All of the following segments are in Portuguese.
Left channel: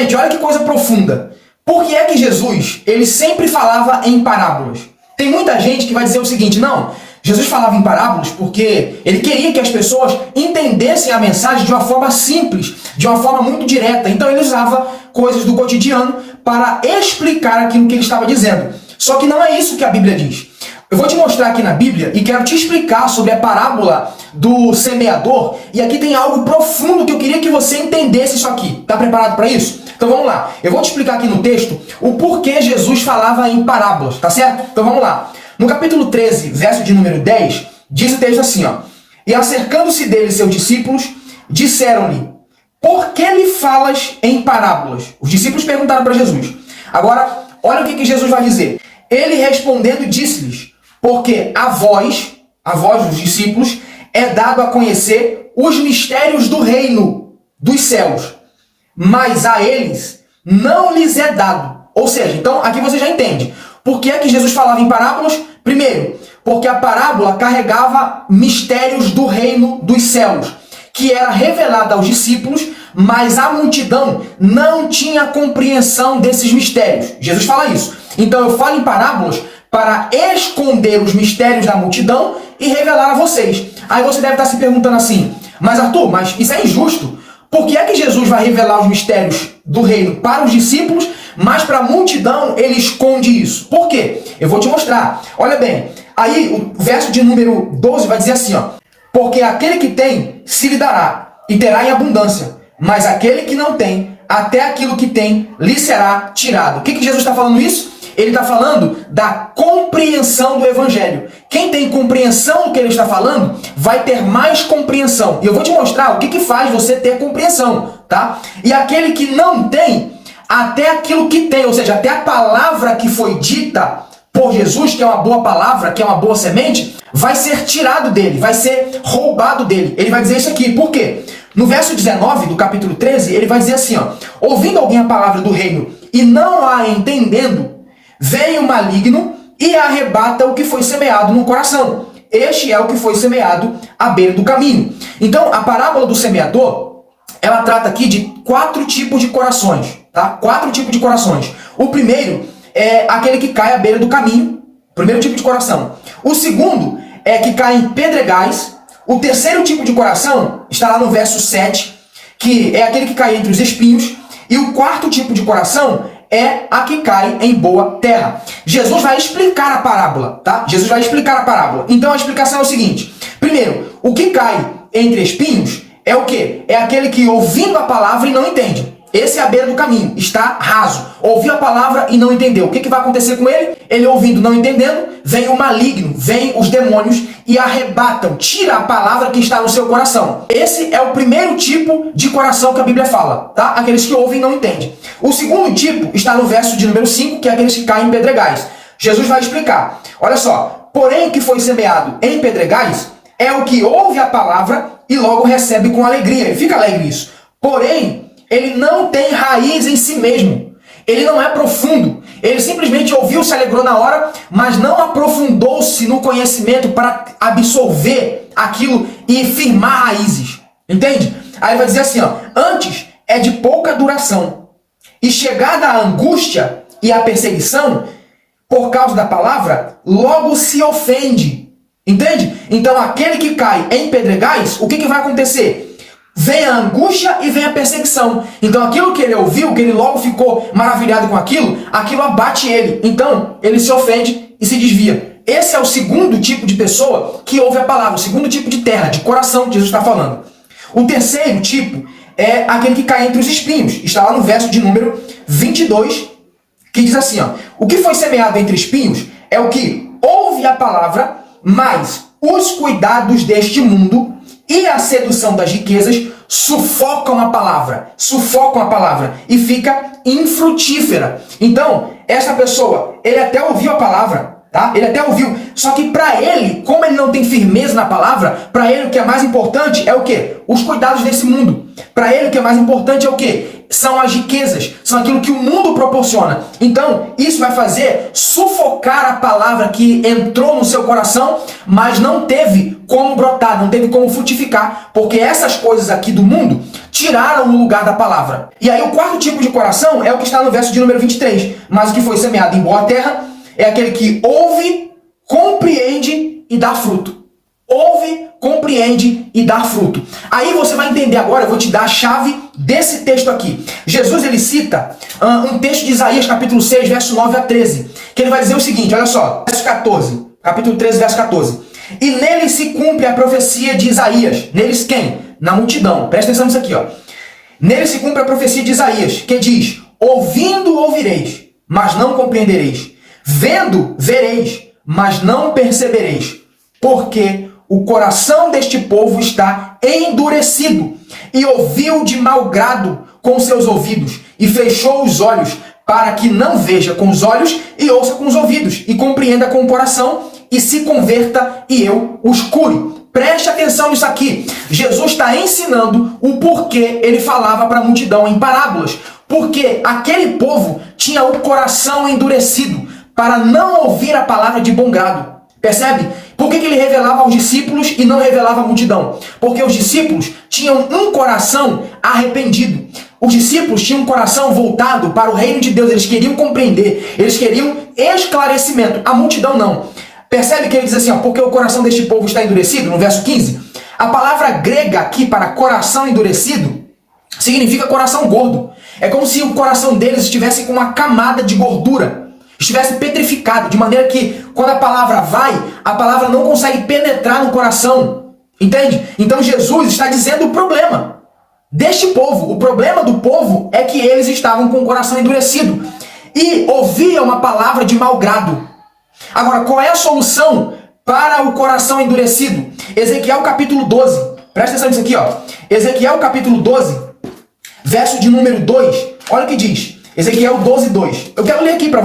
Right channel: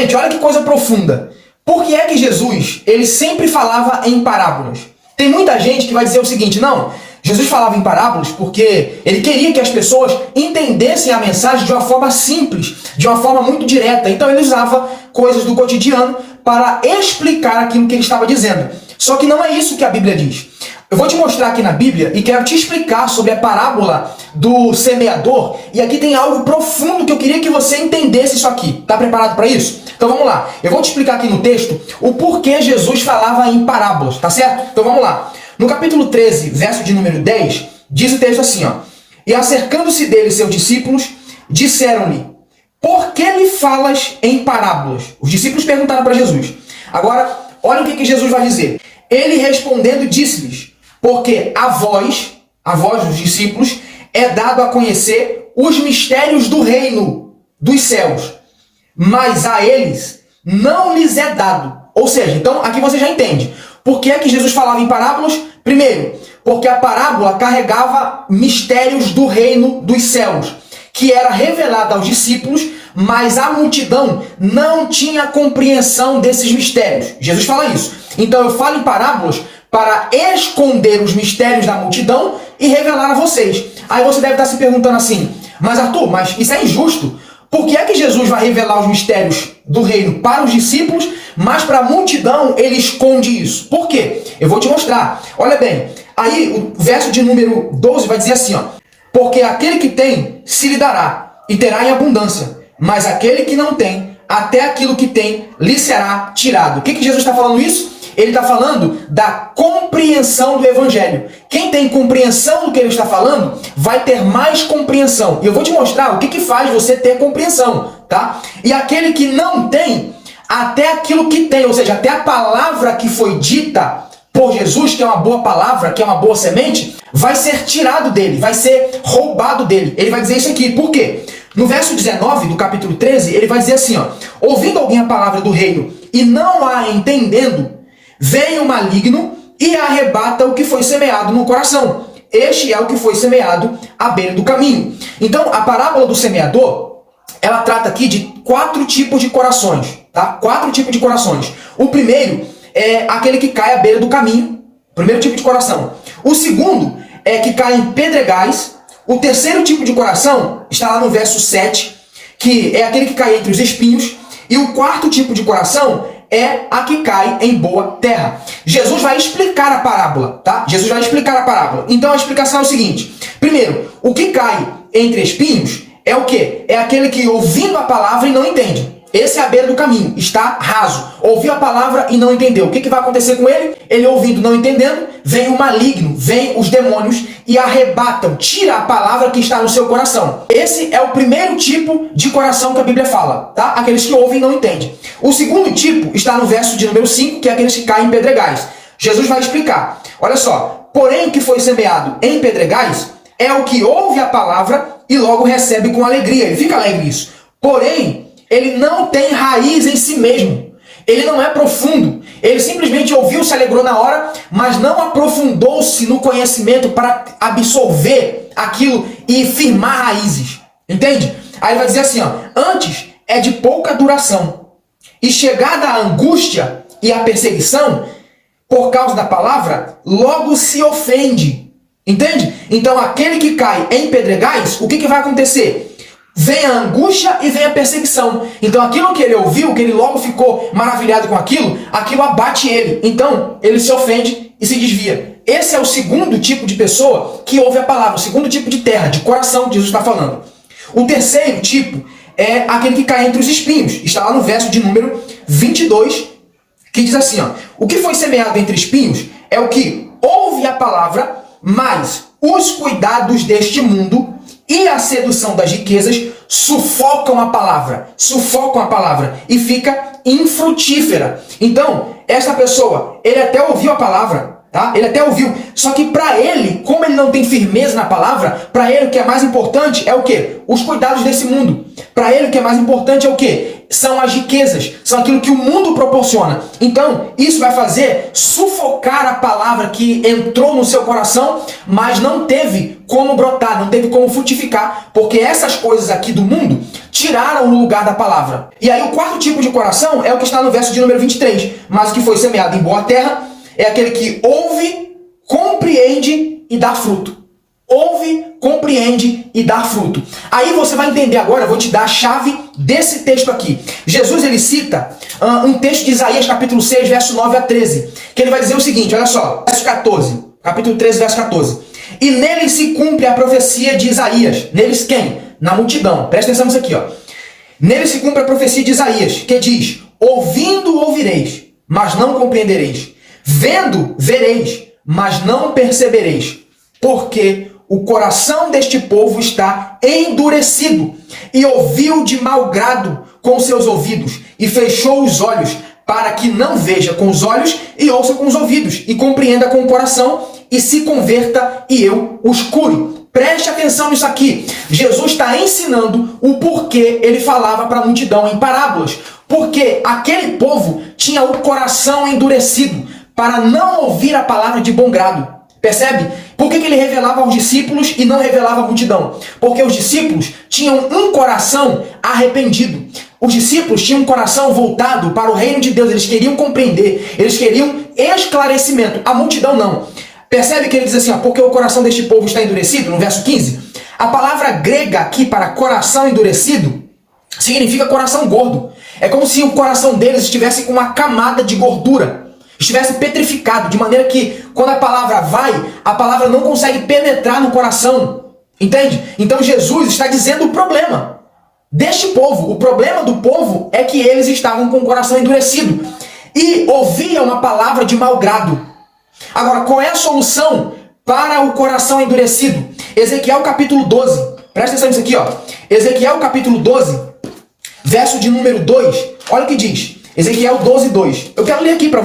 Gente, olha que coisa profunda. Por que é que Jesus, ele sempre falava em parábolas? Tem muita gente que vai dizer o seguinte, não, Jesus falava em parábolas porque ele queria que as pessoas entendessem a mensagem de uma forma simples, de uma forma muito direta. Então ele usava coisas do cotidiano para explicar aquilo que ele estava dizendo. Só que não é isso que a Bíblia diz. Eu vou te mostrar aqui na Bíblia e quero te explicar sobre a parábola do semeador. E aqui tem algo profundo que eu queria que você entendesse isso aqui. Está preparado para isso? Então vamos lá. Eu vou te explicar aqui no texto o porquê Jesus falava em parábolas, tá certo? Então vamos lá. No capítulo 13, verso de número 10, diz o texto assim, ó. E acercando-se dele seus discípulos, disseram-lhe, por que lhe falas em parábolas? Os discípulos perguntaram para Jesus. Agora, olha o que Jesus vai dizer. Ele respondendo disse-lhes, porque a vós dos discípulos, é dado a conhecer os mistérios do reino dos céus, mas a eles não lhes é dado. Ou seja, então aqui você já entende. Por que é que Jesus falava em parábolas? Primeiro, porque a parábola carregava mistérios do reino dos céus, que era revelada aos discípulos, mas a multidão não tinha compreensão desses mistérios. Jesus fala isso. Então eu falo em parábolas para esconder os mistérios da multidão e revelar a vocês. Aí você deve estar se perguntando assim, mas Arthur, mas isso é injusto. Por que é que Jesus vai revelar os mistérios do reino para os discípulos, mas para a multidão ele esconde isso? Por quê? Eu vou te mostrar. Olha bem, aí o verso de número 12 vai dizer assim, ó. Porque aquele que tem, se lhe dará, e terá em abundância. Mas aquele que não tem, até aquilo que tem, lhe será tirado. O que Jesus está falando isso? Ele está falando da compreensão do Evangelho. Quem tem compreensão do que ele está falando, vai ter mais compreensão. E eu vou te mostrar o que faz você ter compreensão, tá? E aquele que não tem, até aquilo que tem, ou seja, até a palavra que foi dita por Jesus, que é uma boa palavra, que é uma boa semente, vai ser tirado dele, vai ser roubado dele. Ele vai dizer isso aqui. Por quê? No verso 19 do capítulo 13, ele vai dizer assim, ó, ouvindo alguém a palavra do reino e não a entendendo, vem o maligno e arrebata o que foi semeado no coração. Este é o que foi semeado à beira do caminho. Então, a parábola do semeador, ela trata aqui de 4 tipos de corações, tá? 4 tipos de corações. O primeiro é aquele que cai à beira do caminho, primeiro tipo de coração. O segundo é que cai em pedregais. O terceiro tipo de coração está lá no verso 7, que é aquele que cai entre os espinhos. E o quarto tipo de coração é a que cai em boa terra. Jesus vai explicar a parábola, tá? Jesus vai explicar a parábola. Então a explicação é o seguinte. Primeiro, o que cai entre espinhos é o quê? É aquele que ouvindo a palavra e não entende. Esse é a beira do caminho, está raso. Ouviu a palavra e não entendeu. O que vai acontecer com ele? Ele ouvindo, não entendendo, vem o maligno, vem os demônios e arrebatam, tira a palavra que está no seu coração. Esse é o primeiro tipo de coração que a Bíblia fala, tá? Aqueles que ouvem e não entendem. O segundo tipo está no verso de número 5, que é aqueles que caem em pedregais. Jesus vai explicar. Olha só, porém o que foi semeado em pedregais é o que ouve a palavra e logo recebe com alegria. Ele fica alegre nisso. Porém, ele não tem raiz em si mesmo. Ele não é profundo. Ele simplesmente ouviu, se alegrou na hora, mas não aprofundou-se no conhecimento para absorver aquilo e firmar raízes. Entende? Aí ele vai dizer assim, ó, antes é de pouca duração. E chegada a angústia e a perseguição, por causa da palavra, logo se ofende. Entende? Então aquele que cai em pedregais, o que vai acontecer? Vem a angústia e vem a perseguição. Então aquilo que ele ouviu, que ele logo ficou maravilhado com aquilo, aquilo abate ele. Então ele se ofende e se desvia. Esse é o segundo tipo de pessoa que ouve a palavra, o segundo tipo de terra, de coração que Jesus está falando. O terceiro tipo é aquele que cai entre os espinhos. Está lá no verso de número 22, que diz assim, ó, o que foi semeado entre espinhos é o que ouve a palavra, mas os cuidados deste mundo e a sedução das riquezas sufocam a palavra e fica infrutífera. Então, essa pessoa, ele até ouviu a palavra, tá? Ele até ouviu. Só que para ele, como ele não tem firmeza na palavra, para ele o que é mais importante é o quê? Os cuidados desse mundo. Para ele o que é mais importante é o quê? São as riquezas, são aquilo que o mundo proporciona. Então, isso vai fazer sufocar a palavra que entrou no seu coração, mas não teve como brotar, não teve como frutificar, porque essas coisas aqui do mundo tiraram o lugar da palavra. E aí o quarto tipo de coração é o que está no verso de número 23. Mas o que foi semeado em boa terra é aquele que ouve, compreende e dá fruto. Ouve, compreende e dá fruto. Aí você vai entender agora, eu vou te dar a chave desse texto aqui. Jesus, ele cita um texto de Isaías, capítulo 6, verso 9 a 13, que ele vai dizer o seguinte, olha só, verso 14, capítulo 13, verso 14. E nele se cumpre a profecia de Isaías. Neles quem? Na multidão. Presta atenção nisso aqui, ó. Nele se cumpre a profecia de Isaías, que diz, ouvindo ouvireis, mas não compreendereis. Vendo vereis, mas não percebereis. Porque o coração deste povo está endurecido, e ouviu de mau grado com seus ouvidos, e fechou os olhos, para que não veja com os olhos, e ouça com os ouvidos, e compreenda com o coração, e se converta, e eu os cure. Preste atenção nisso aqui. Jesus está ensinando o porquê ele falava para a multidão em parábolas. Porque aquele povo tinha o coração endurecido, para não ouvir a palavra de bom grado. Percebe? Por que ele revelava aos discípulos e não revelava à multidão? Porque os discípulos tinham um coração arrependido. Os discípulos tinham um coração voltado para o reino de Deus. Eles queriam compreender, eles queriam esclarecimento. A multidão não. Percebe que ele diz assim, ó, porque o coração deste povo está endurecido, no verso 15? A palavra grega aqui para coração endurecido significa coração gordo. É como se o coração deles estivesse com uma camada de gordura, estivesse petrificado, de maneira que quando a palavra vai, a palavra não consegue penetrar no coração. Entende? Então Jesus está dizendo o problema deste povo. O problema do povo é que eles estavam com o coração endurecido e ouviam uma palavra de mau grado. Agora, qual é a solução para o coração endurecido? Ezequiel capítulo 12. Presta atenção nisso aqui, ó. Ezequiel capítulo 12, verso de número 2. Olha o que diz. Ezequiel 12, 2. Eu quero ler aqui para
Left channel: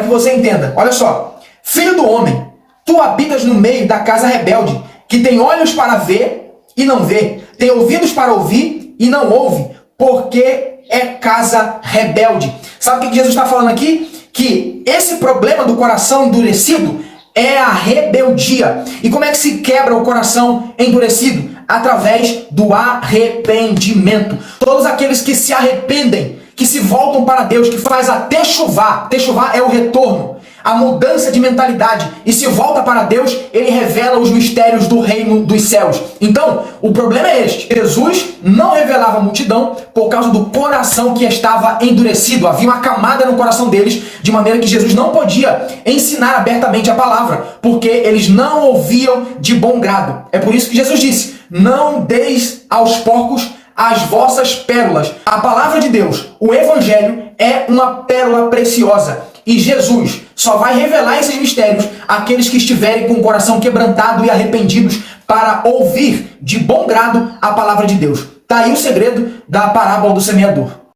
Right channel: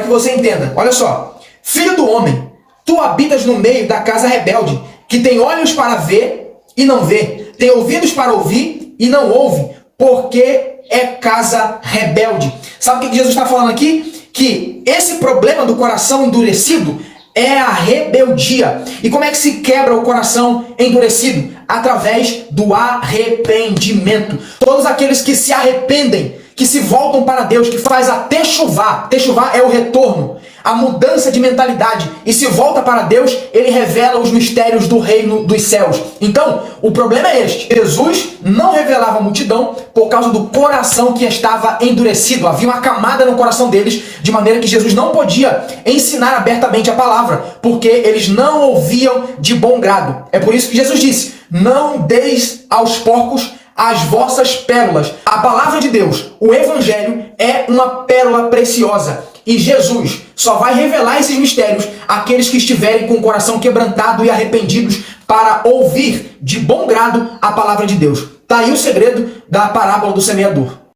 que você entenda. Olha só. Filho do homem, tu habitas no meio da casa rebelde, que tem olhos para ver e não vê, tem ouvidos para ouvir e não ouve, porque é casa rebelde. Sabe o que Jesus está falando aqui? Que esse problema do coração endurecido é a rebeldia. E como é que se quebra o coração endurecido? Através do arrependimento. Todos aqueles que se arrependem, que se voltam para Deus, que faz a techuvá. Techuvá é o retorno, a mudança de mentalidade, e se volta para Deus, ele revela os mistérios do reino dos céus. Então, o problema é este. Jesus não revelava a multidão por causa do coração que estava endurecido. Havia uma camada no coração deles, de maneira que Jesus não podia ensinar abertamente a palavra, porque eles não ouviam de bom grado. É por isso que Jesus disse, não deis aos porcos as vossas pérolas. A palavra de Deus, o evangelho, é uma pérola preciosa. E Jesus só vai revelar esses mistérios àqueles que estiverem com o coração quebrantado e arrependidos para ouvir de bom grado a palavra de Deus. Está aí o segredo da parábola do semeador.